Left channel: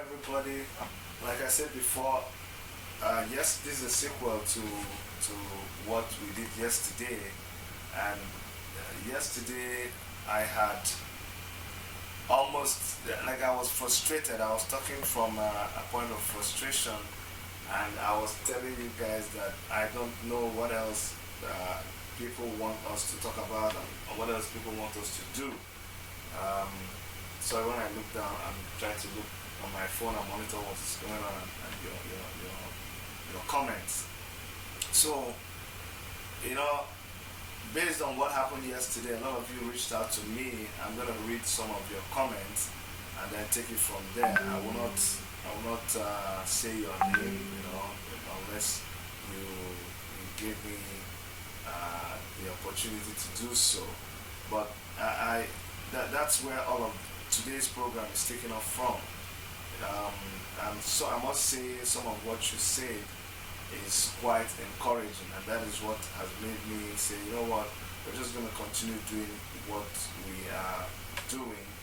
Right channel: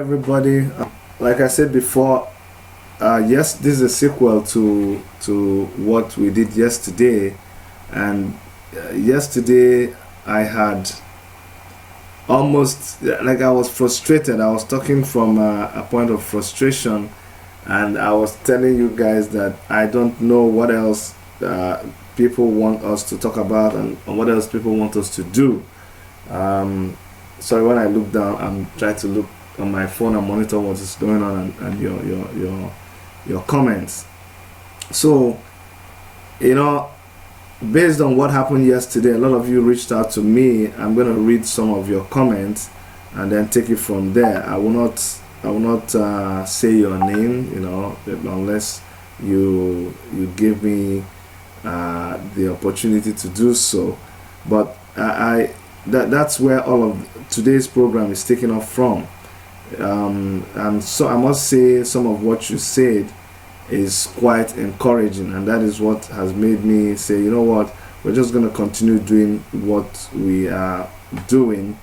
everybody. Like I said before, yes, this is a sequel to what we did yesterday, and yesterday I had almost like I was frustrated. I was talking from a point of frustration, and I was telling you guys that I don't know what else people want us to talk about and what else people want us to do. Sorry, when I look down, I'm trying to look on my phone and monitor what is going on and your comments. So, based on what happened yesterday, a lot of you reached out to me. I'm going to read some of your comments and then take it from there. I will not say your name, unless you give me the opportunity to do so. But that's where all of today's program is taken off from. And so I must say some of what you said is quite encouraging, and that is what has made me say, you know what, we're just going to continue doing what we are doing,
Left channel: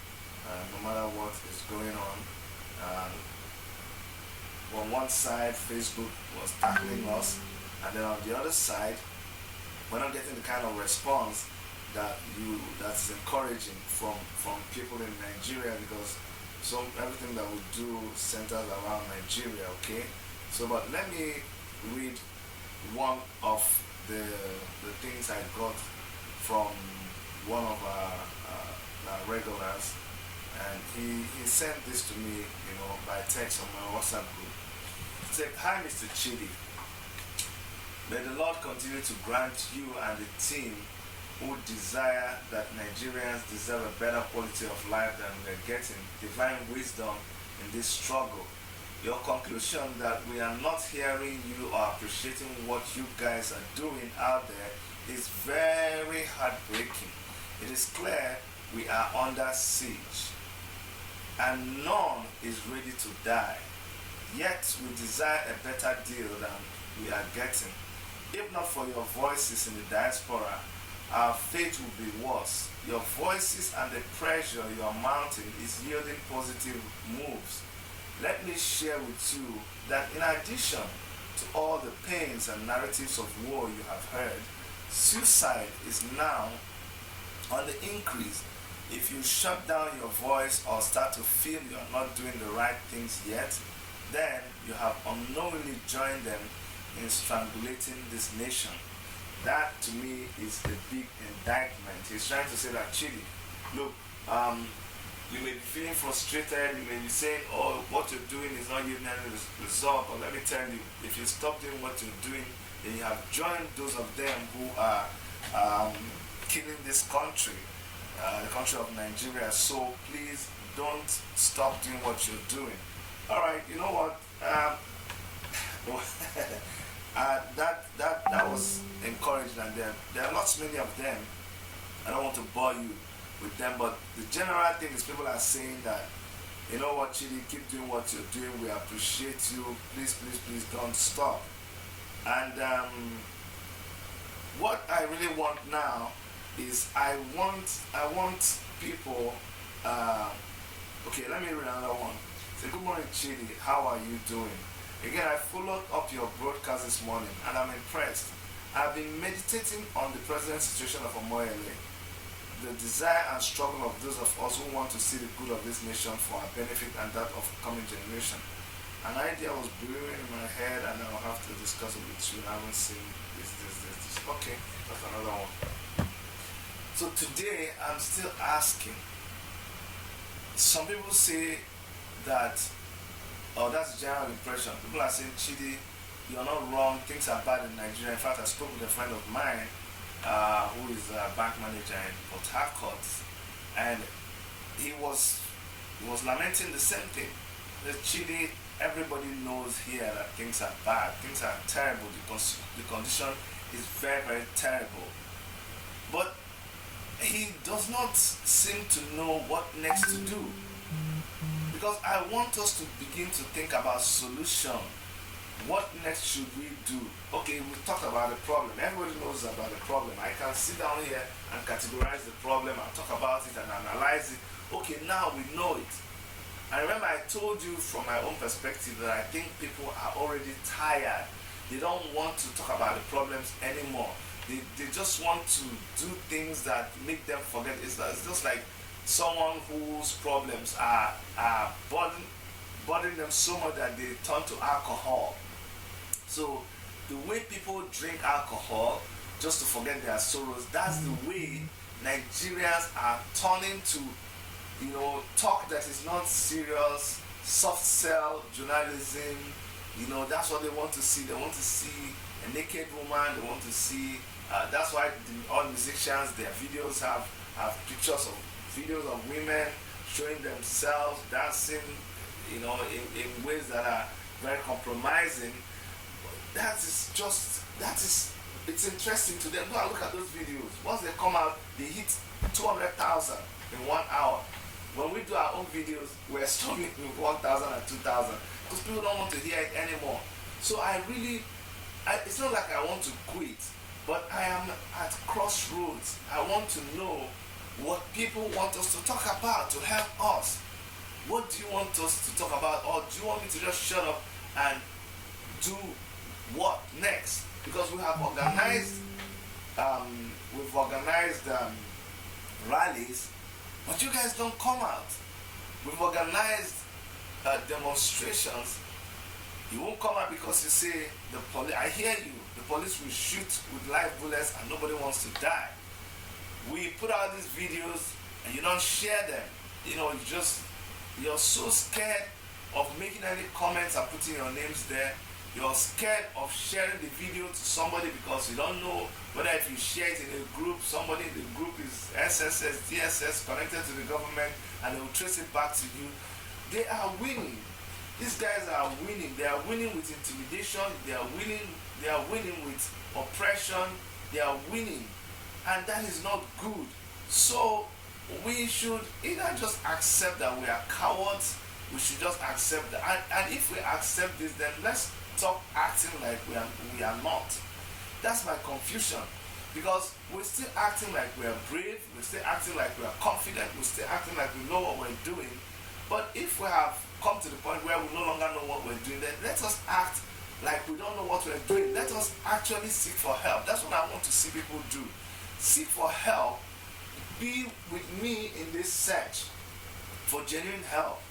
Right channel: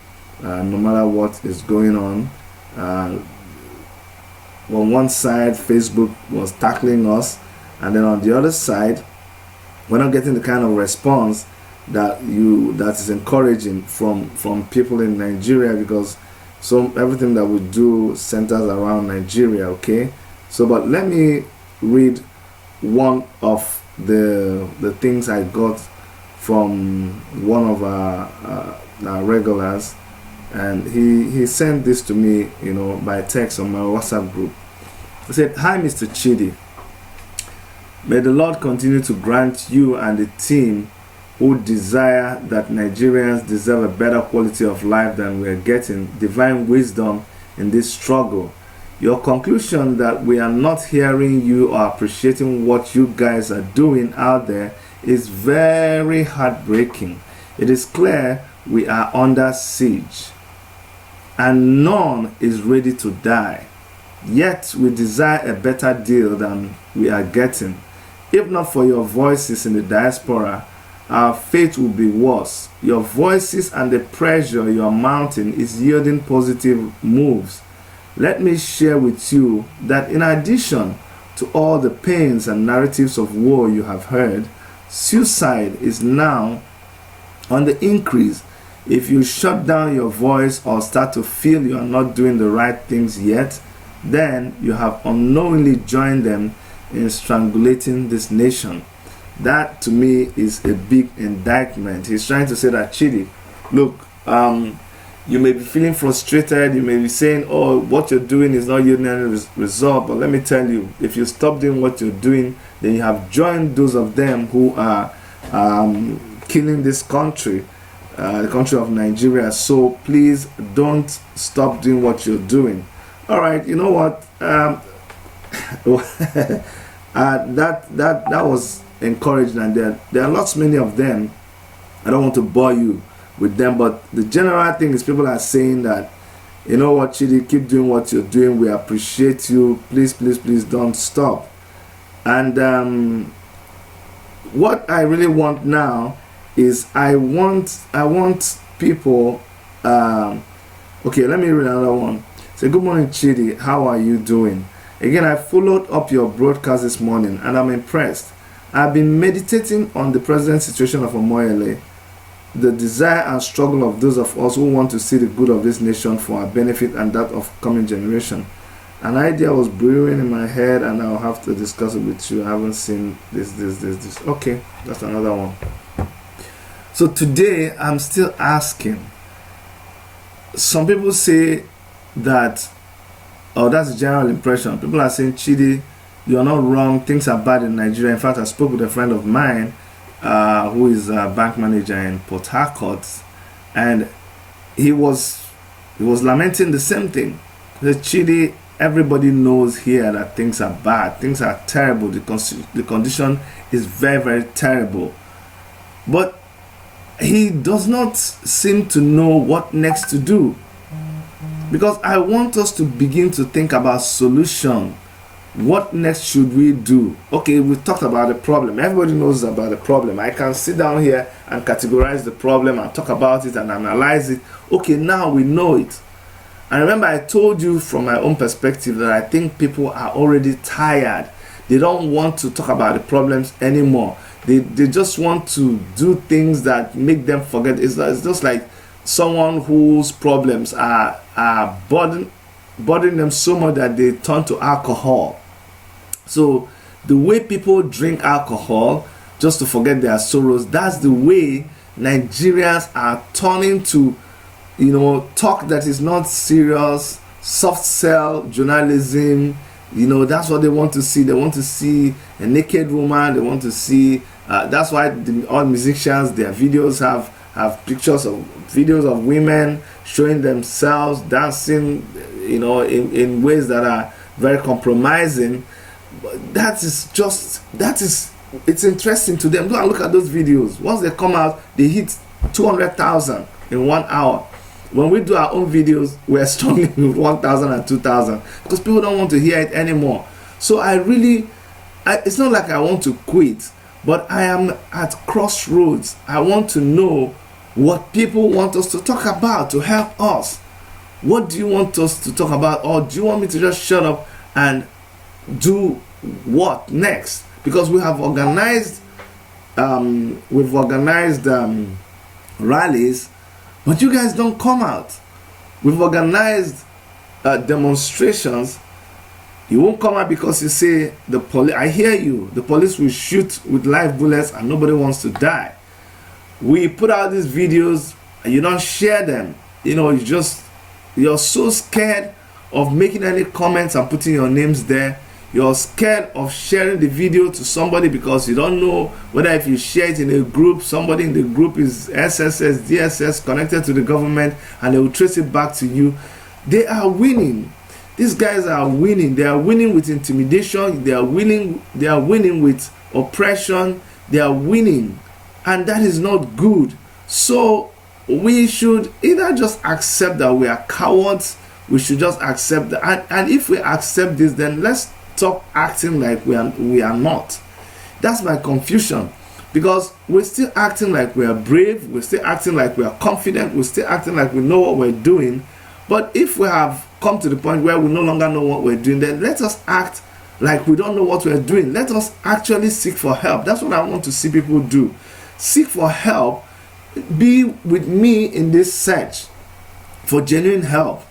no matter what is going on. On one side, Facebook was tackling us, and then on the other side, we're not getting the kind of response that is encouraging from people in Nigeria, because everything that we do centers around Nigeria. Okay, but let me read one of the things I got from one of our regulars, and he sent this to me, by text on my WhatsApp group. He said, "Hi, Mr. Chidi. May the Lord continue to grant you and the team who desire that Nigerians deserve a better quality of life than we are getting divine wisdom in this struggle. Your conclusion that we are not hearing you or appreciating what you guys are doing out there is very heartbreaking. It is clear we are under siege and none is ready to die. Yet we desire a better deal than we are getting. If not for your voices in the diaspora, our fate will be worse. Your voices and the pressure you are mounting is yielding positive moves. Let me share with you that in addition to all the pains and narratives of war you have heard, suicide is now on the increase. If you shut down your voice or start to feel you are not doing the right things yet, then you have unknowingly joined them in strangulating this nation." That to me is a big indictment. He's trying to say that, Chidi, look, you may be feeling frustrated, you may be saying, oh, what you're doing is not yielding any result, but let me tell you, if you stop doing what you're doing, then you have joined those of them who are killing this country, the country of Nigeria. So please don't stop doing what you're doing. All right, you know what? That was encouraging, and there are many of them. I don't want to bore you with them, but the general thing is people are saying that, you know what, Chidi, keep doing what you're doing, we appreciate you, please don't stop. And what I really want now is I want people, okay, let me read another one. Say, "Good morning, Chidi, how are you doing? Again, I followed up your broadcast this morning and I'm impressed. I've been meditating on the present situation of Omoyele, the desire and struggle of those of us who want to see the good of this nation for our benefit and that of coming generation. An idea was brewing in my head and I'll have to discuss it with you. I haven't seen this. Okay, that's another one. So today, I'm still asking. Some people say that, that's a general impression. People are saying, Chidi, you're not wrong, things are bad in Nigeria. In fact, I spoke with a friend of mine who is a bank manager in Port Harcourt, and he was lamenting the same thing. The Chidi, everybody knows here that things are bad, things are terrible, the condition is very, very terrible. But he does not seem to know what next to do. Because I want us to begin to think about solution. What next should we do? Okay, we talked about the problem. Everybody knows about the problem. I can sit down here and categorize the problem and talk about it and analyze it. Okay, now we know it. And remember, I told you from my own perspective that I think people are already tired. They don't want to talk about the problems anymore. They just want to do things that make them forget. It's just like someone whose problems are bothering them so much that they turn to alcohol. So the way people drink alcohol just to forget their sorrows, that's the way Nigerians are turning to, talk that is not serious, soft sell journalism. That's what they want to see. They want to see a naked woman. They want to see. That's why all musicians, their videos have pictures of videos of women showing themselves dancing, in ways that are very compromising. It's interesting to them. Go and look at those videos. Once they come out, they hit 200,000 in 1 hour. When we do our own videos, we're struggling with 1,000 and 2,000 because people don't want to hear it anymore. So it's not like I want to quit, but I am at crossroads. I want to know what people want us to talk about to help us. What do you want us to talk about, or do you want me to just shut up and do what next? Because we have organized rallies, but you guys don't come out. We've organized demonstrations. You won't come out because you say the police. I hear you. The police will shoot with live bullets and nobody wants to die. We put out these videos and you don't share them. You're so scared of making any comments and putting your names there. You're scared of sharing the video to somebody because you don't know whether if you share it in a group, somebody in the group is SSS, DSS connected to the government and they will trace it back to you. They are winning. These guys are winning. They are winning with intimidation. They are winning with oppression. They are winning. And that is not good. So we should either just accept that we are cowards. We should just accept that. And if we accept this, then let's stop acting like we are not. That's my confusion, because we're still acting like we are brave, we're still acting like we are confident, we're still acting like we know what we're doing. But if we have come to the point where we no longer know what we're doing, then let us act like we don't know what we're doing. Let us actually seek for help. That's what I want to see people do. Seek for help. Be with me in this search for genuine help.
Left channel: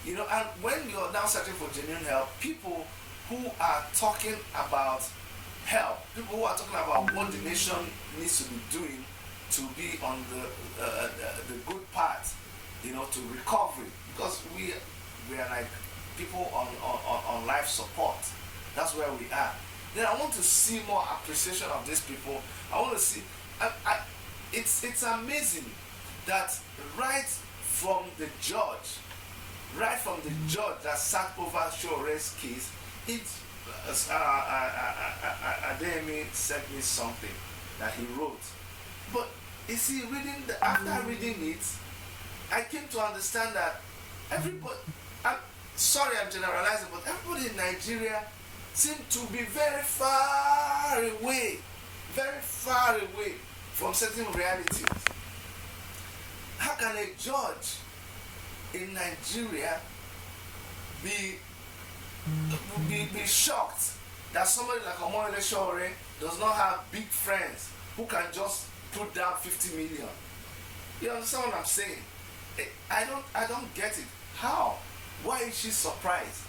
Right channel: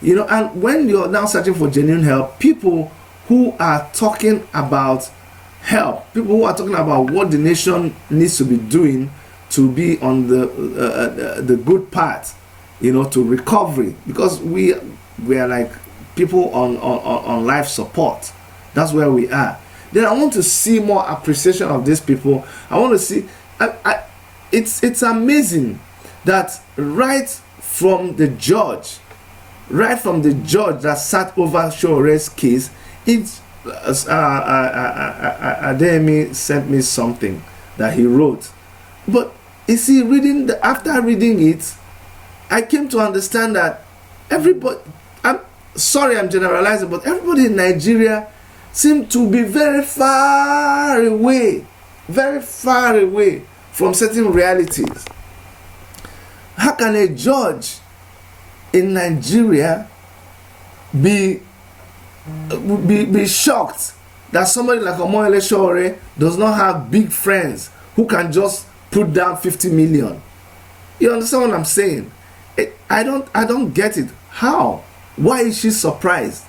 And when you're now searching for genuine help, people who are talking about help, people who are talking about what the nation needs to be doing to be on the good path, to recovery, because we are like people on life support. That's where we are. Then I want to see more appreciation of these people. I want to see. It's amazing that right from the judge that sat over Sowore's case, Ajeigbe sent me something that he wrote. But you see, after reading it, I came to understand that everybody, I'm sorry I'm generalizing, but everybody in Nigeria seem to be very far away from certain realities. How can a judge in Nigeria be shocked that somebody like Omoyele Sowore does not have big friends who can just put down 50 million? You understand what I'm saying? I don't get it. How? Why is she surprised?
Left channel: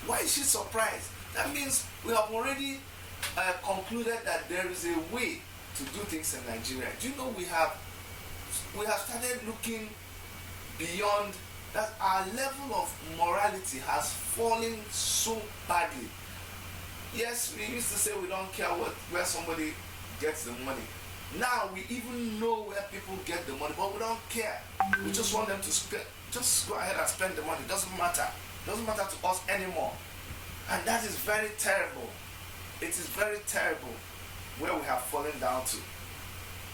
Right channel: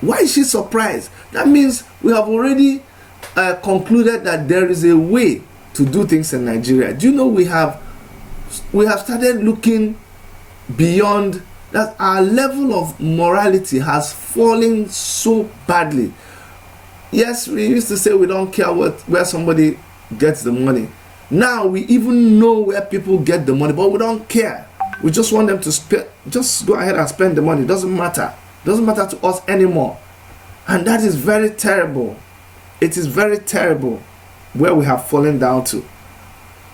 Why is she surprised? That means we have already concluded that there is a way to do things in Nigeria. Do you know we have started looking beyond that? Our level of morality has fallen so badly. Yes, we used to say we don't care where somebody gets the money. Now we even know where people get the money, but we don't care. We just want them to just go ahead and spend the money. It doesn't matter. It doesn't matter to us anymore. And that is very terrible. It is very terrible where we have fallen down to.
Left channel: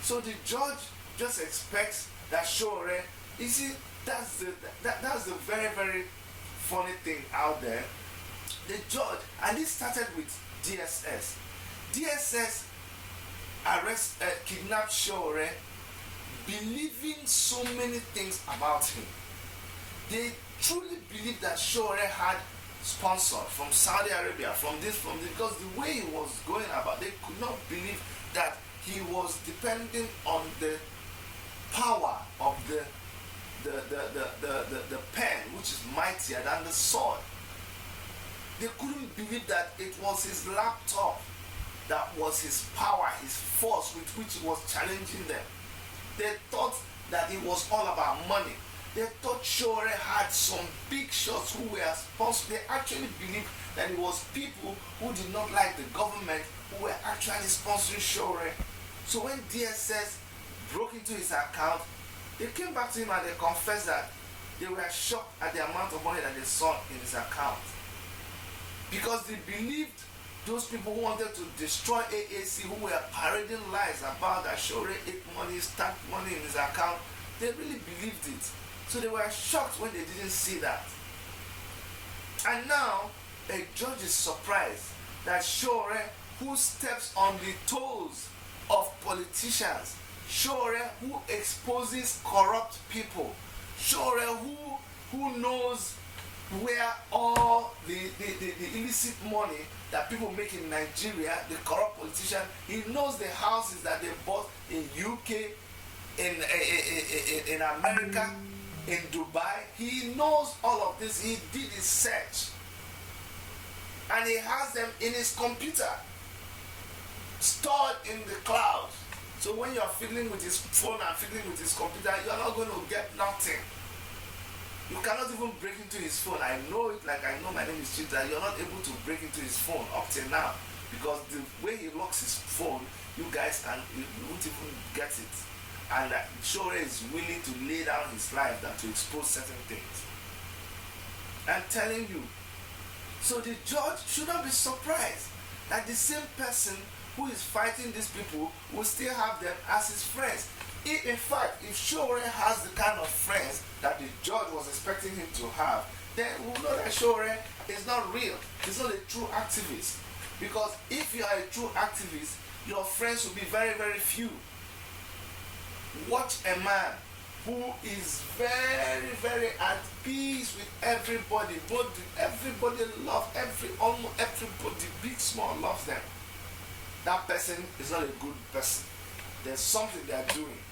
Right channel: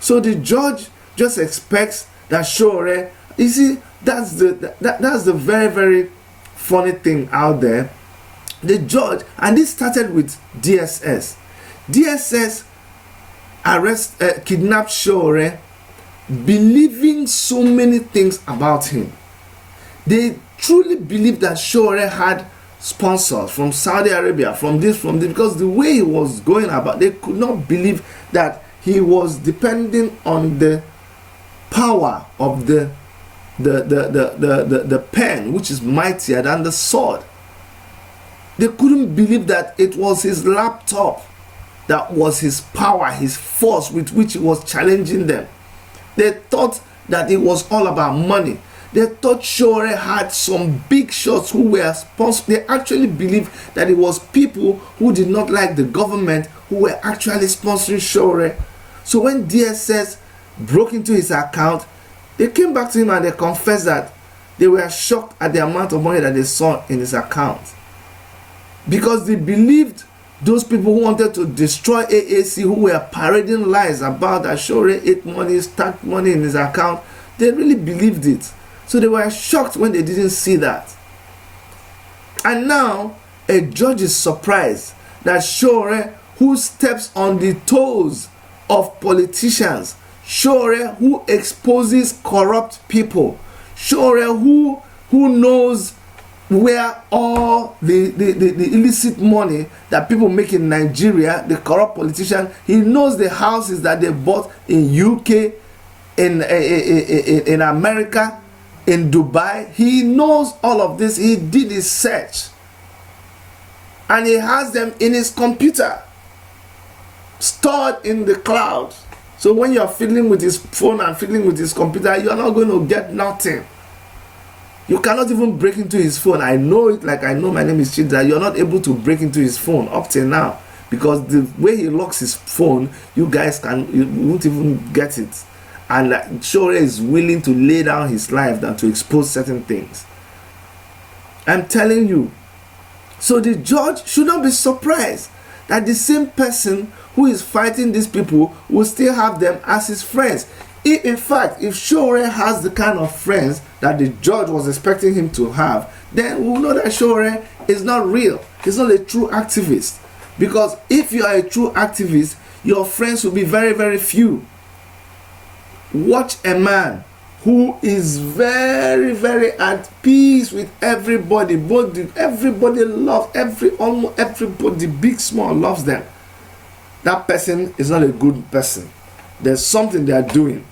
So the judge just expects that Sowore, you see, that's the very, very funny thing out there. The judge, and this started with DSS. DSS kidnapped Sowore, believing so many things about him. They truly believed that Sowore had sponsors from Saudi Arabia, from this, because the way he was going about, they could not believe that he was depending on the power of the pen, which is mightier than the sword. They couldn't believe that it was his laptop that was his power, his force with which he was challenging them. They thought that it was all about money. They thought Sowore had some big shots who were sponsored. They actually believed that it was people who did not like the government who were actually sponsoring Sowore. So when DSS broke into his account, they came back to him and they confessed that they were shocked at the amount of money that they saw in his account. Because they believed those people who wanted to destroy AAC, who were parading lies about that Sowore ate money, stacked money in his account, they really believed it. So they were shocked when they didn't see that. And now a judge is surprised that Sowore, who steps on the toes of politicians, Sowore who exposes corrupt people, Sowore who knows where all the illicit money that people make in Nigeria, the corrupt politician, he knows the houses that they bought in UK, in America, in Dubai. He knows all of this. He did his search and he has them in his computer, stored in the cloud. So when you're fiddling with his phone and fiddling with his computer, you're not going to get nothing. You cannot even break into his phone. I know it, like I know my name is Chidra. You're not able to break into his phone up till now, because the way he locks his phone, you won't even get it. And Sowore is willing to lay down his life than to expose certain things. I'm telling you. So the judge should not be surprised that the same person who is fighting these people will still have them as his friends. In fact, if Sowore has the kind of friends that the judge was expecting him to have, then we'll know that Sowore is not real. He's not a true activist. Because if you are a true activist, your friends will be very, very few. Watch a man who is very, very at peace with everybody. Everybody loves, almost everybody, big, small, loves them. That person is not a good person. There's something they are doing.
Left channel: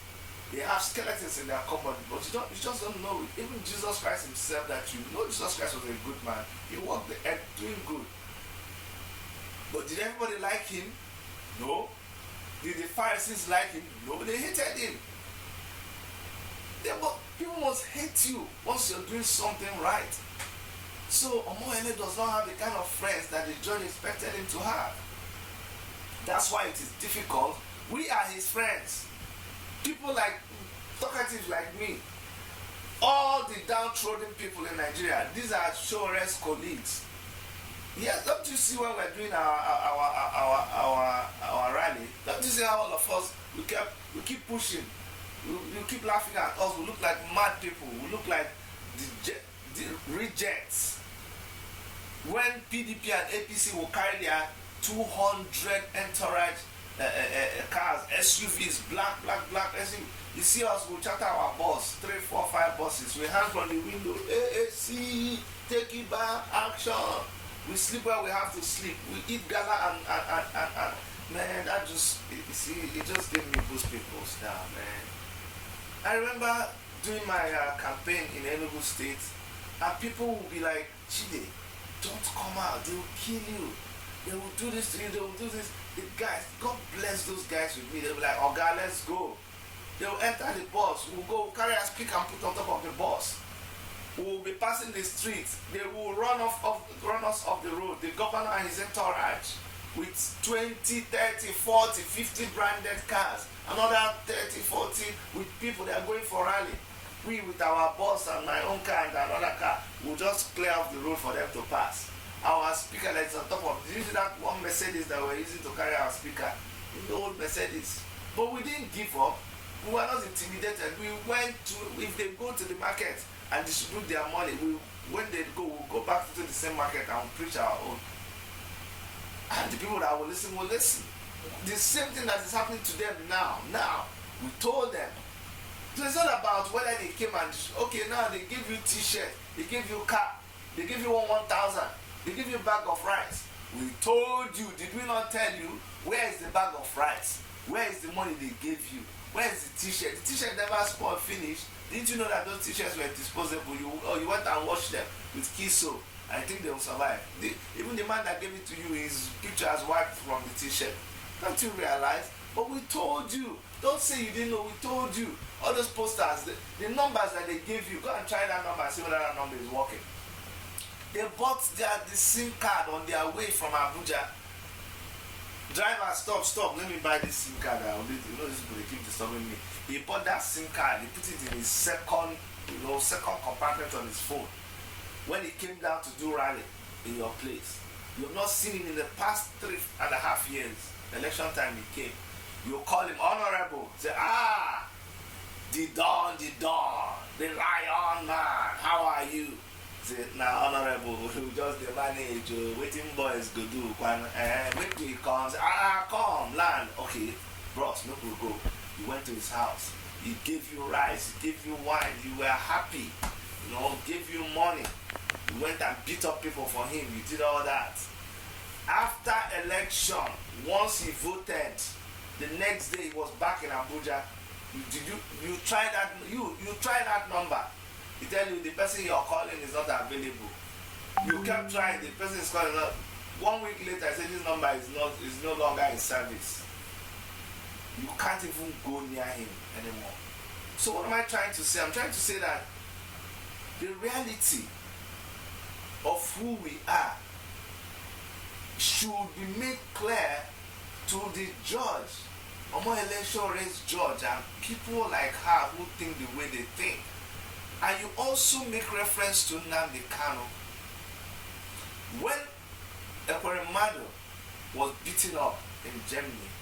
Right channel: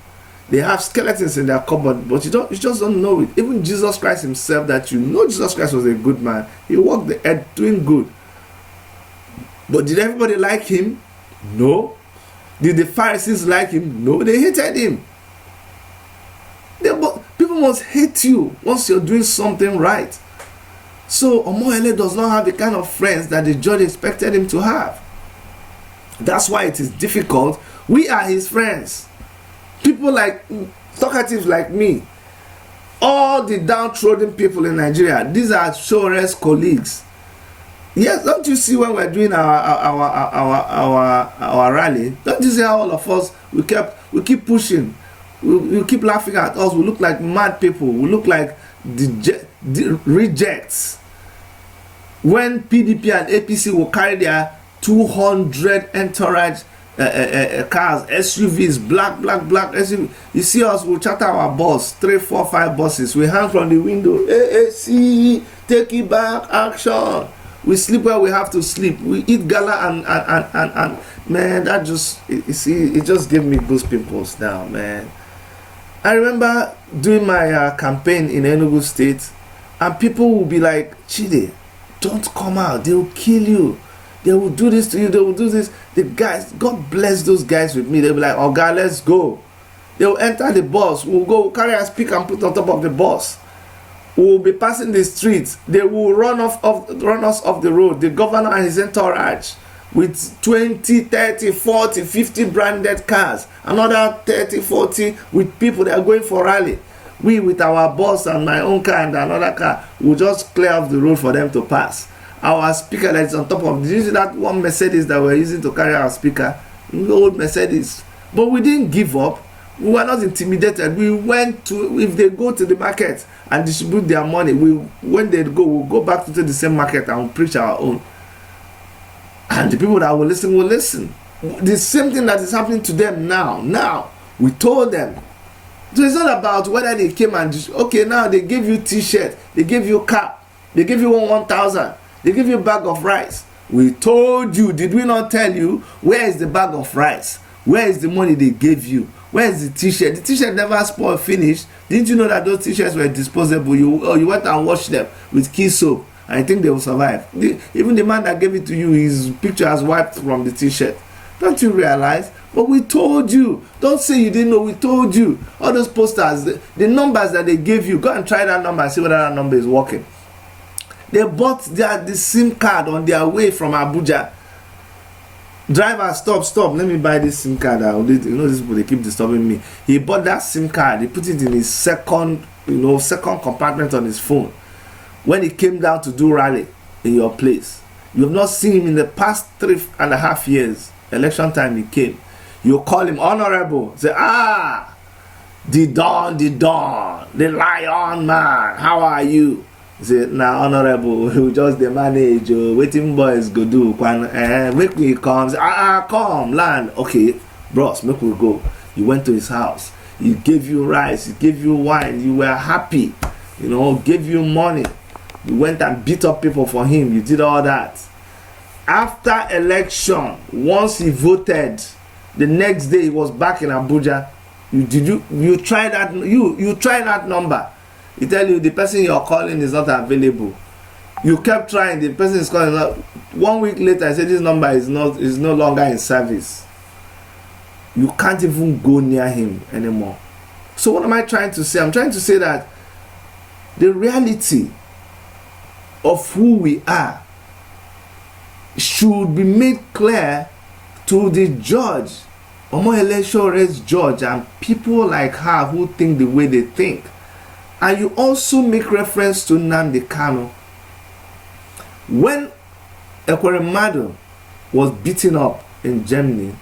They have skeletons in their cupboard, but you just don't know it. Even Jesus Christ himself, that you know Jesus Christ was a good man. He walked the earth doing good. But did everybody like him? No. Did the Pharisees like him? No, they hated him. People must hate you once you're doing something right. So Omoyele does not have the kind of friends that the judge expected him to have. That's why it is difficult. We are his friends. People like talkatives like me, all the downtrodden people in Nigeria, these are Sowore's colleagues. Yes, don't you see when we're doing our rally? Don't you see how all of us we keep pushing, we keep laughing at us? We look like mad people. We look like the rejects. When PDP and APC will carry their 200 entourage cars, SUVs, black SUV. You see us, we'll chatter our boss, 3, 4, 5 buses. We hang from the window. AAC, take it back, action. We sleep where we have to sleep. We eat gala and man, that just, you see, it just gave me goose pimples now, man. I remember doing my campaign in Enugu State, and people will be like, Chide, don't come out, they will kill you. They will do this to you, they will do this. The guys, God bless those guys with me. They'll be like, oh God, let's go. They will enter the bus. We'll go carry a speaker and put on top of the bus. We'll be passing the streets. They will run us off the road. The governor and his entourage with 20, 30, 40, 50 branded cars. Another 30, 40 with people that are going for rally. We with our bus and my own car and another car will just clear off the road for them to pass. Our speaker that is on top of, did you see that one Mercedes that we're using to carry our speaker? The old Mercedes. But we didn't give up. We were not intimidated. We went to, if they go to the market and distribute their money, when they go, we'll go back to the same market and we'll preach our own. And the people that will listen. The same thing that is happening to them now. We told them, So it's not about whether they came and okay, now they give you t-shirt, they give you cap, they give you 1,000, they give you a bag of rice. We told you, did we not tell you? Where is the bag of rice? Where is the money they gave you? Where is the t-shirt? The t-shirt never spoiled, finished. Didn't you know that those t-shirts were disposable? You went and washed them with key soap. I think they will survive. Even the man that gave it to you, his picture has wiped from the t-shirt. Don't you realize? But we told you. Don't say you didn't know. We told you. All those posters, the numbers that they gave you, go and try that number and see whether that number is working. They bought the SIM card on their way from Abuja. Driver, stop. Let me buy this SIM card. You know, these people, they keep disturbing me. He bought that SIM card. He put it in his second compartment on his phone. When he came down to do rally in your place, you have not seen him in the past 3.5 years. Election time he came. You call him honorable. Say, the Don, the lion man. How are you? Say, now honorable, you just the manage. Waiting boys go do. Make me come. Say, come land. Okay, bros, make we go. You went to his house. He gave you rice. He gave you wine. You were happy. Gave you money. You went and beat up people for him. You did all that. After election, once he voted, the next day he was back in Abuja. You try that. You try that number. He tell you the person you're calling is not available. You kept trying. The person is calling. 1 week later, I said this number is no longer in service. You can't even go near him anymore. So what am I trying to say? I'm trying to say that the reality of who we are should be made clear to the judge, Omoyele Sowore's judge, and people like her who think the way they think. And you also make reference to Nnamdi Kanu. When Ekweremadu was beaten up in Germany,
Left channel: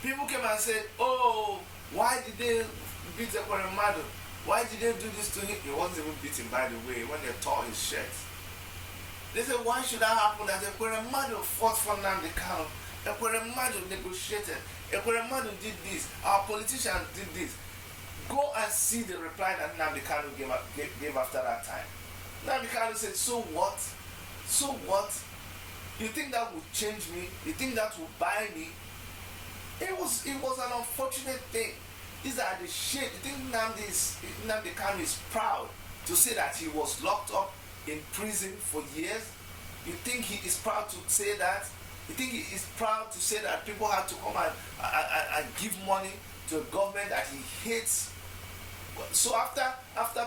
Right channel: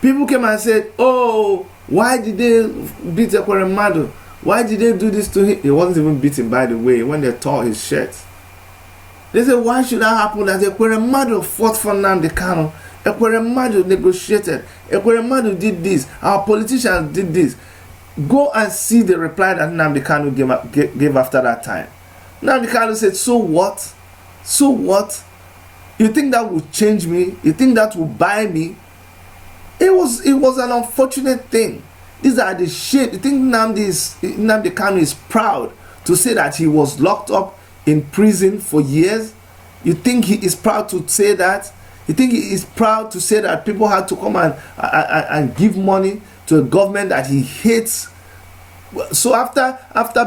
people came and said, oh, why did they beat Ekweremadu? Why did they do this to him? He wasn't even beaten, by the way, when they tore his shirt. They said, why should that happen? That Ekweremadu fought for Nnamdi Kanu. Ekweremadu negotiated. Ekweremadu did this. Our politicians did this. Go and see the reply that Nnamdi Kanu gave after that time. Nnamdi Kanu said, so what? So what? You think that will change me? You think that will buy me? It was an unfortunate thing. These are the shit. You think Nnamdi Kanu is proud to say that he was locked up in prison for years? You think he is proud to say that? You think he is proud to say that people had to come and give money to a government that he hates? So after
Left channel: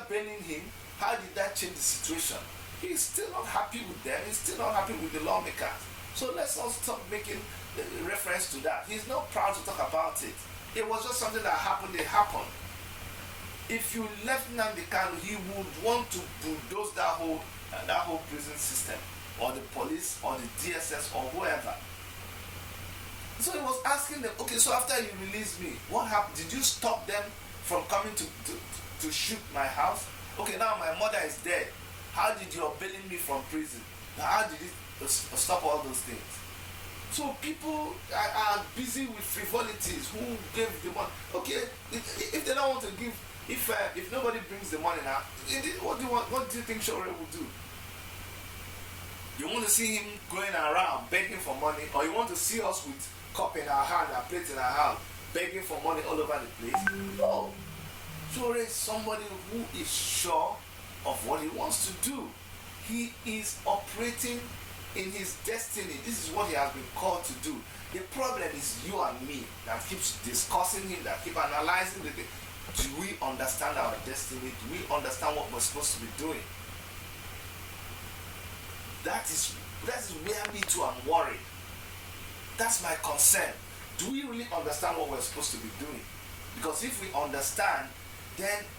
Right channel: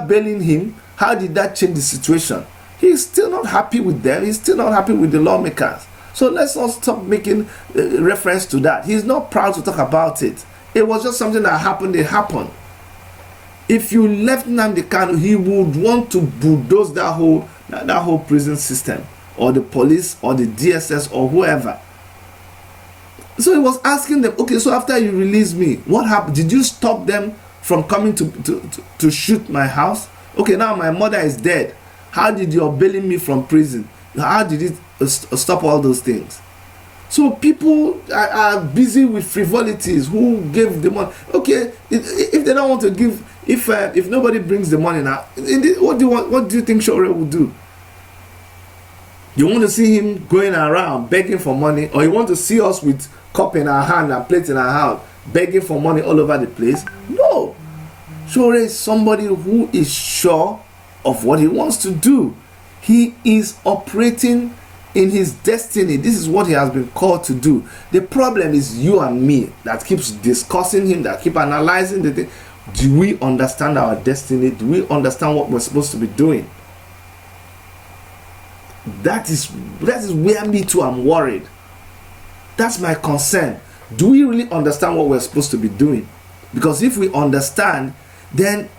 bailing him, how did that change the situation? He's still not happy with them. He's still not happy with the lawmakers. So let's not stop making reference to that. He's not proud to talk about it. It was just something that happened. It happened. If you left Nnamdi Kanu, he would want to bulldoze that whole prison system, or the police, or the DSS, or whoever. So he was asking them, okay, so after you released me, what happened? Did you stop them from coming to shoot my house? Okay, now my mother is dead. How did your bailing me from prison? How did it stop all those things? So people are busy with frivolities. Who gave the money? Okay, if they don't want to give, if nobody brings the money now, what do you think Sowore will do? You want to see him going around begging for money, or you want to see us with cup in our hand and plate in our hand begging for money all over the place? No. Sowore is somebody who is sure of what he wants to do. He is operating in his destiny. This is what he has been called to do. The problem is you and me that keeps discussing him, that keep analyzing the thing. Do we understand our destiny? Do we understand what we're supposed to be doing? That is where me too am worried. That's my concern. Do we really understand what we're supposed to be doing? Because if we understand, then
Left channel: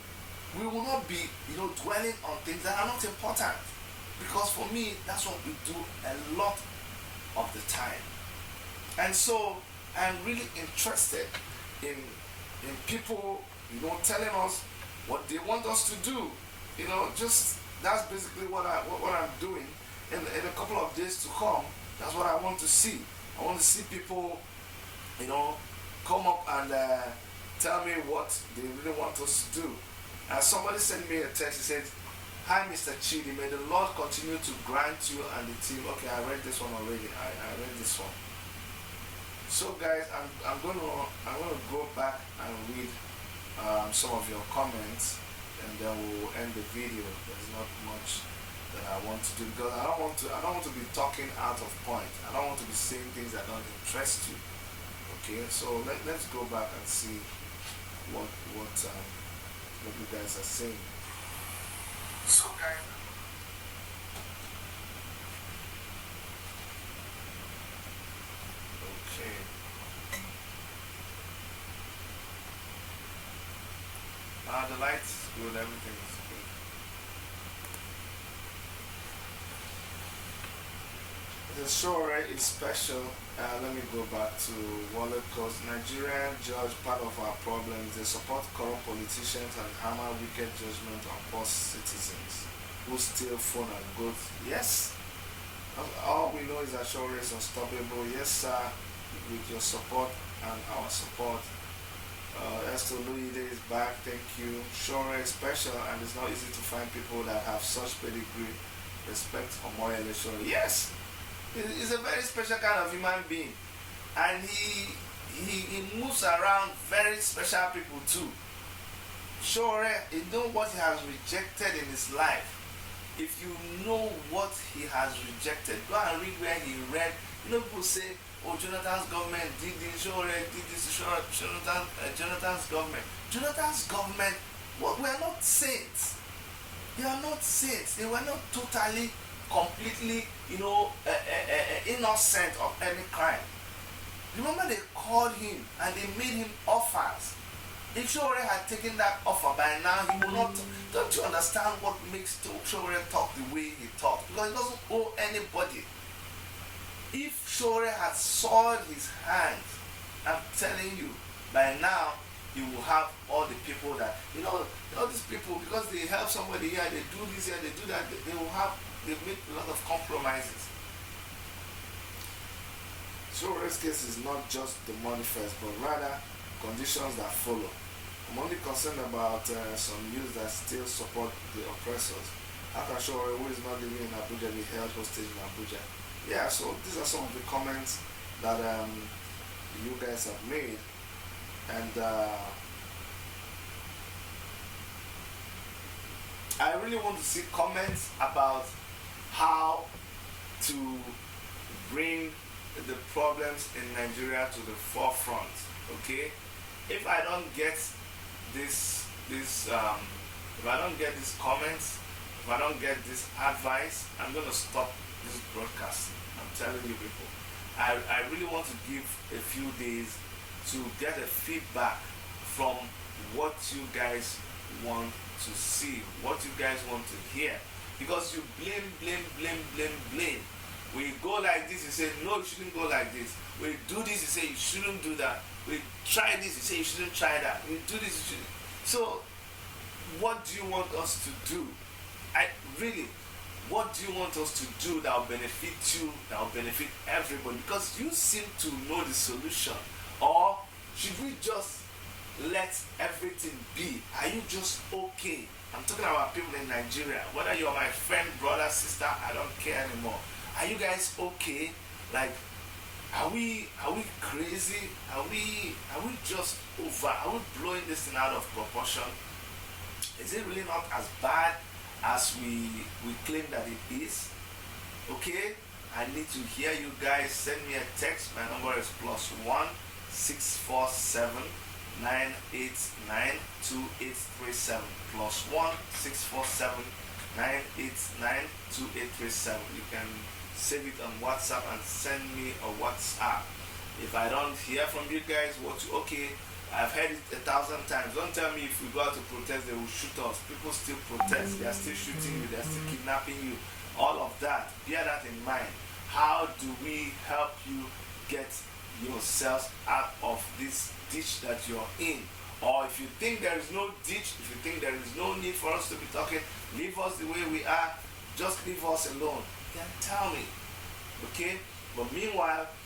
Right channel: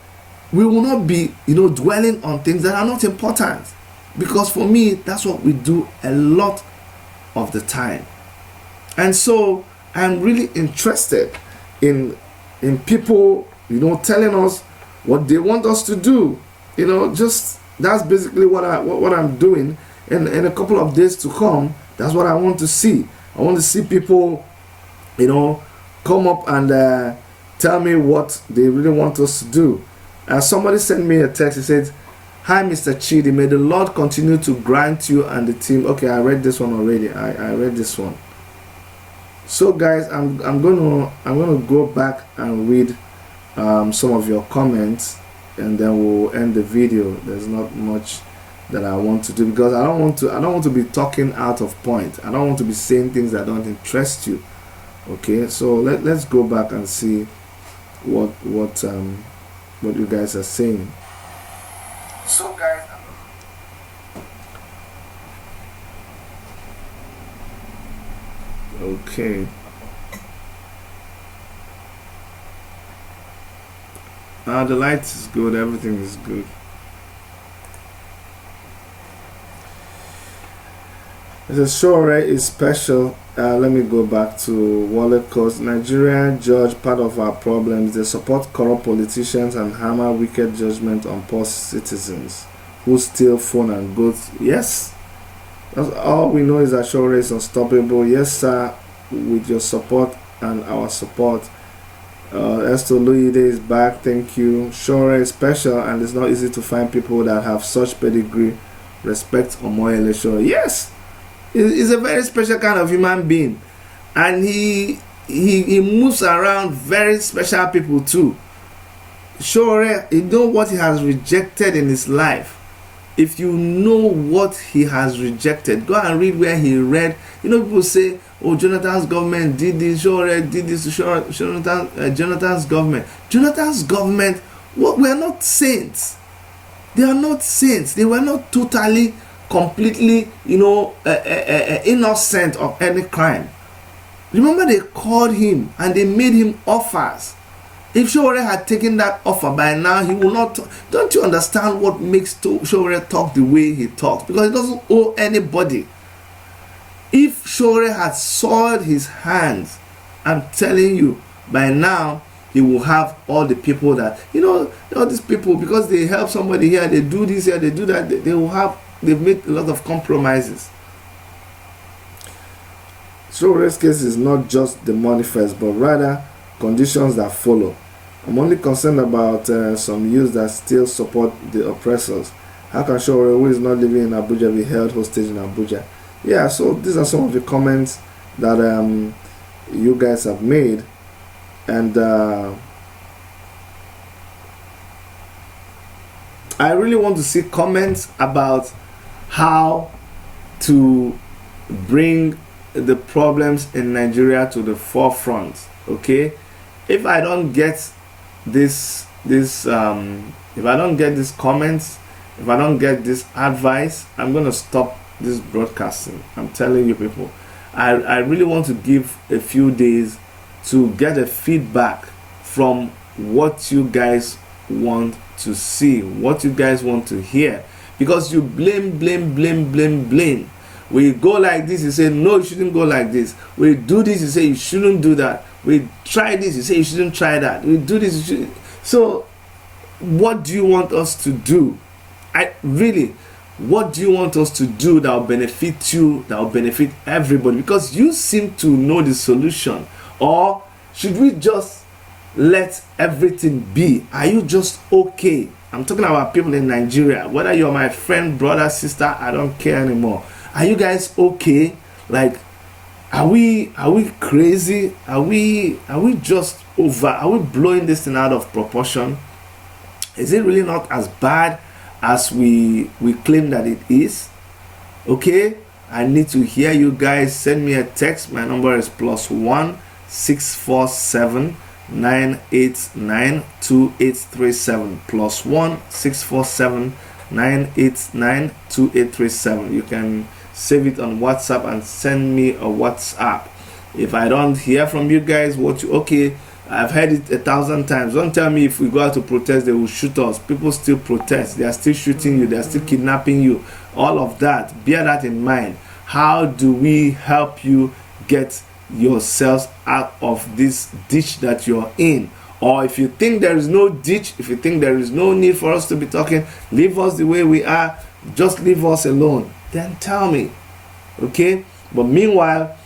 we will not be, dwelling on things that are not important. Because for me, that's what we do a lot of the time. And so I'm really interested in people, telling us what they want us to do. Just that's basically what I'm doing. And in a couple of days to come, that's what I want to see. I want to see people, come up and tell me what they really want us to do. Somebody sent me a text. He said, "Hi, Mr. Chidi. May the Lord continue to grant you and the team." Okay, I read this one already. I read this one. So, guys, I'm gonna go back and read some of your comments, and then we'll end the video. There's not much that I want to do because I don't want to be talking out of point. I don't want to be saying things that don't interest you. Okay, so let's go back and see what you guys are saying. So, guys, okay. The light is good. Everything is good. The Sowore is special. Let me go back to Wallet Coast. Nigerian judge, part of our problems. They support corrupt politicians and hammer wicked judgment on poor citizens who steal phone and goods. Yes, that's all we know is that Sowore is unstoppable. Yes, sir. With your support and our support. Esther Luide is back. Thank you. Sowore is special, and it's not easy to find people that have such pedigree. Respect Omoyele Sowore. Yes. He's a very special kind of human being, and he moves around very special people too. Sowore, you know what he has rejected in his life. If you know what he has rejected, go and read where he read. You know, people say, "Oh, Jonathan's government did this, Sowore did this to Jonathan's government." Jonathan's government, well, we are not saints. They are not saints. They were not totally, completely, innocent of any crime. Remember, they called him and they made him offers. If Sowore had taken that offer by now, he will not. Don't you understand what makes Sowore talk the way he talks? Because he doesn't owe anybody. If Sowore had soiled his hands, I'm telling you, by now he will have all the people that, all these people, because they help somebody here, they do this here, they do that, they've made a lot of compromises. Sowore's case is not just the manifest, but rather conditions that follow. I'm only concerned about some youths that still support the oppressors. How can Sowore, who is not living in Abuja, be held hostage in Abuja? Yeah, so these are some of the comments that you guys have made, and I really want to see comments about how to bring the problems in Nigeria to the forefront. Okay, if I don't get if I don't get these comments, if I don't get this advice, I'm gonna stop this broadcasting. I'm telling you people, I really want to give a few days to get a feedback from what you guys want to see, what you guys want to hear, because you blame. We go like this, you say no, you shouldn't go like this. We do this, you say you shouldn't do that. We try this, you say you shouldn't try that. We do this, you should. So what do you want us to do? What do you want us to do that will benefit you, that will benefit everybody? Because you seem to know the solution. Or should we just let everything be? Are you just okay? I'm talking about people in Nigeria. Whether you're my friend, brother, sister, I don't care anymore. Are you guys okay? Like, are we crazy? Are we just over? Are we blowing this thing out of proportion? Is it really not as bad as we claim that it is? Okay, I need to hear you guys. Send me a text. My number is +1 647 989 2837 +1 647 989 2837. You can save it on WhatsApp and send me a WhatsApp. If I don't hear from you guys, okay, I've heard it 1,000 times. Don't tell me if we go out to protest, they will shoot us. People still protest. They are still shooting you. They are still kidnapping you. All of that. Bear that in mind. How do we help you get yourselves out of this ditch that you're in? Or if you think there is no ditch, if you think there is no need for us to be talking, leave us the way we are, just leave us alone, then tell me. Okay? But meanwhile,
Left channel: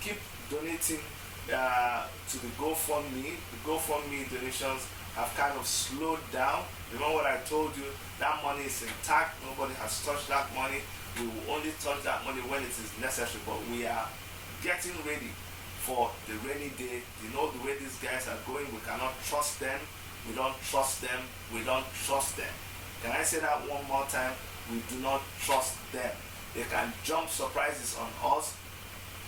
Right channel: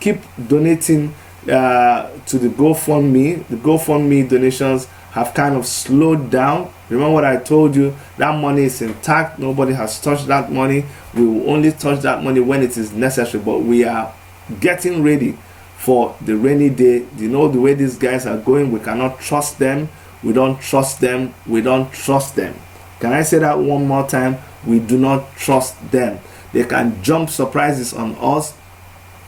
keep donating to the GoFundMe. The GoFundMe donations have kind of slowed down. Remember what I told you, that money is intact. Nobody has touched that money. We will only touch that money when it is necessary, but we are getting ready for the rainy day. You know the way these guys are going, we cannot trust them. We don't trust them. We don't trust them. Can I say that one more time? We do not trust them. They can jump surprises on us.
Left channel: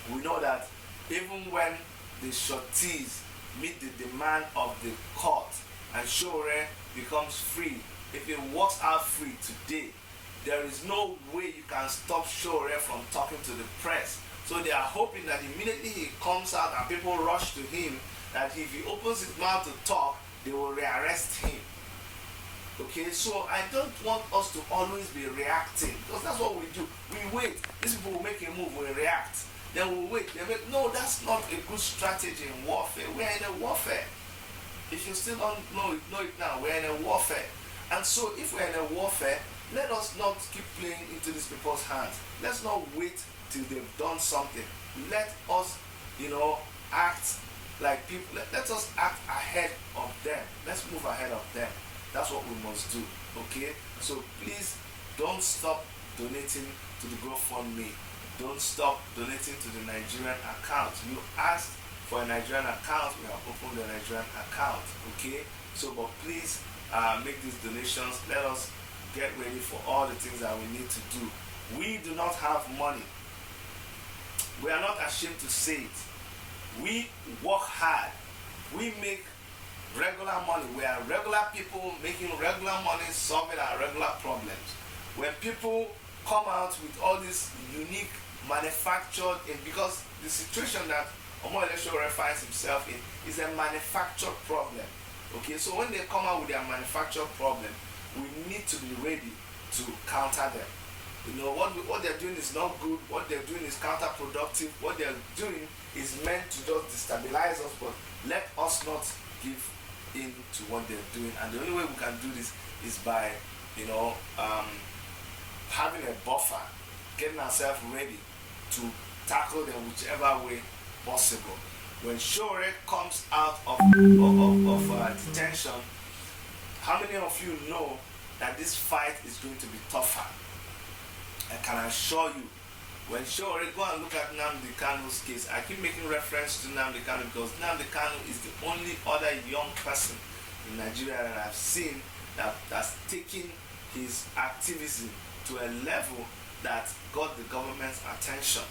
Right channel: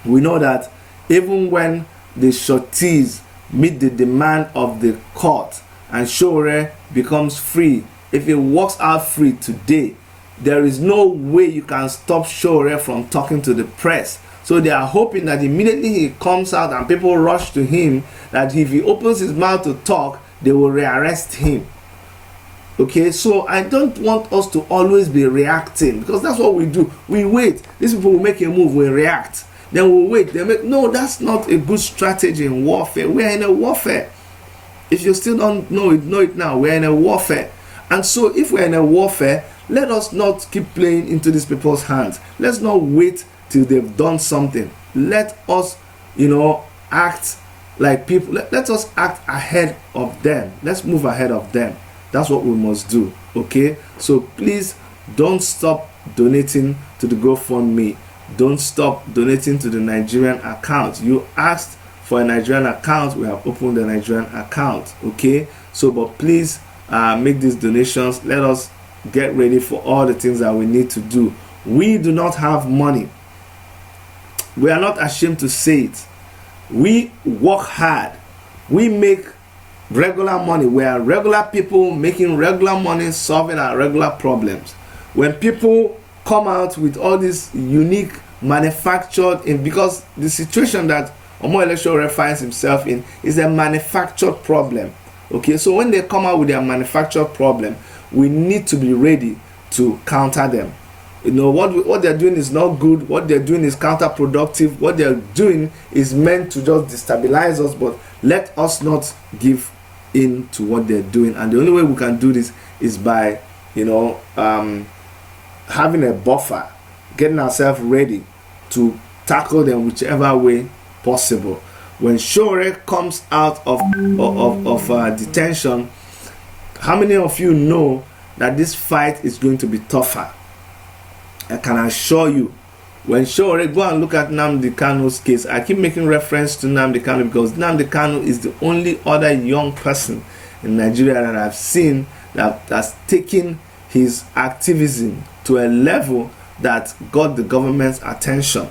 We know that even when the sureties meet the demand of the court and Sowore becomes free, if he walks out free today, there is no way you can stop Sowore from talking to the press. So they are hoping that immediately he comes out and people rush to him, that if he opens his mouth to talk, they will rearrest him. Okay, so I don't want us to always be reacting, because that's what we do. We wait. These people will make a move, we react. Then we'll wait. They make, no, that's not a good strategy in warfare. We are in a warfare. If you still don't know it now. We're in a warfare. And so if we're in a warfare, let us not keep playing into these people's hands. Let's not wait till they've done something. Let us, act like people. Let us act ahead of them. Let's move ahead of them. That's what we must do. Okay? So please don't stop donating to the GoFundMe. Don't stop donating to the Nigerian account. You asked for a Nigerian account. We have opened the Nigerian account. Okay? So, but please make these donations. Let us get ready for all the things that we need to do. We do not have money. We are not ashamed to say it. We work hard. We make regular money. We are regular people making regular money, solving our regular problems. When people come out with all this unique manufactured because the situation that Omoyele Sowore finds himself in is a manufactured problem. Okay, so when they come out with their manufactured problem, we need to be ready to counter them. What they're doing is not good. What they're doing is counterproductive. What they're doing is meant to just destabilize us, but let us not give in to what they're doing. And the only way we can do this is by having a buffer, getting ourselves ready to tackle them whichever way possible. When Sowore comes out of detention, how many of you know that this fight is going to be tougher? I can assure you, when Sowore, go and look at Nnamdi Kanu's case. I keep making reference to Nnamdi Kanu because Nnamdi Kanu is the only other young person in Nigeria that I've seen that has taken his activism to a level that got the government's attention.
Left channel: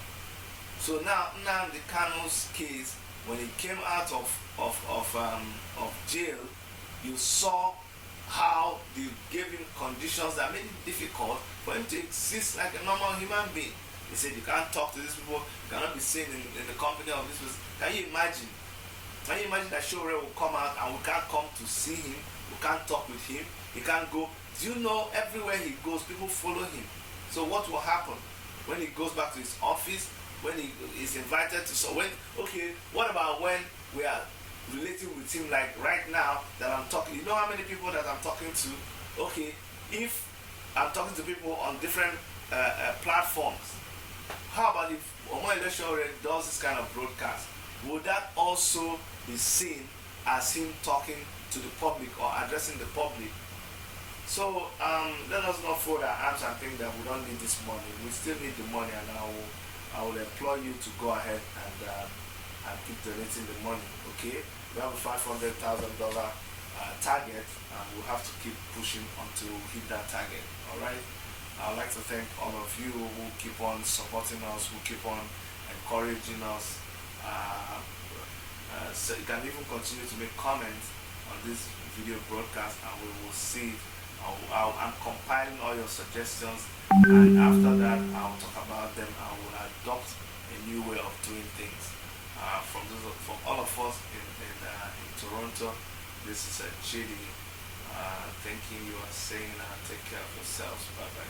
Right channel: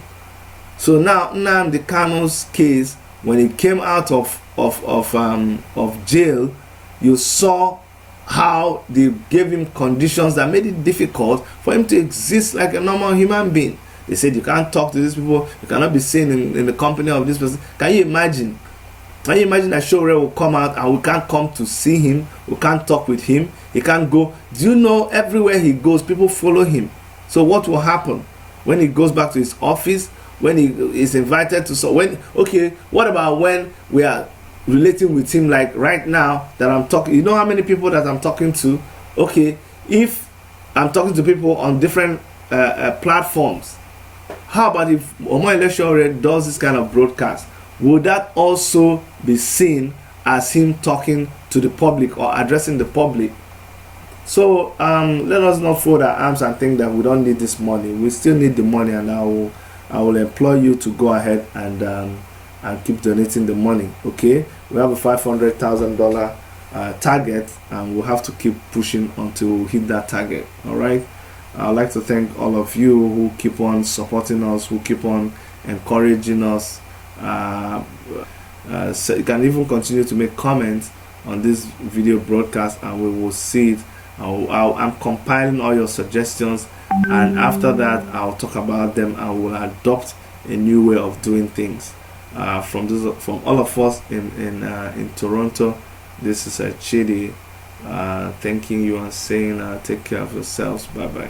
So now Nnamdi Kanu's case, when he came out of jail, you saw how they gave him conditions that made it difficult for him to exist like a normal human being. They said you can't talk to these people, you cannot be seen in the company of this person. Can you imagine? Can you imagine that Sowore will come out and we can't come to see him, we can't talk with him, he can't go? Do you know everywhere he goes, people follow him? So what will happen when he goes back to his office, when he is invited to, what about when we are relating with him, like right now that I'm talking? You know how many people that I'm talking to? Okay, if I'm talking to people on different platforms, how about if Omoyele Sowore does this kind of broadcast? Would that also be seen as him talking to the public or addressing the public? So let us not fold our arms and think that we don't need this money. We still need the money, and I will employ you to go ahead and keep donating the money. Okay, we have a $500,000 target, and we'll have to keep pushing until we hit that target. All right. I'd like to thank all of you who keep on supporting us, who keep on encouraging us. So you can even continue to make comments on this video broadcast, and we will see it. I'm compiling all your suggestions, and after that I'll talk about them. I will adopt a new way of doing things. From all of us in Toronto, this is Chidi thanking you and saying take care of yourselves. Bye bye.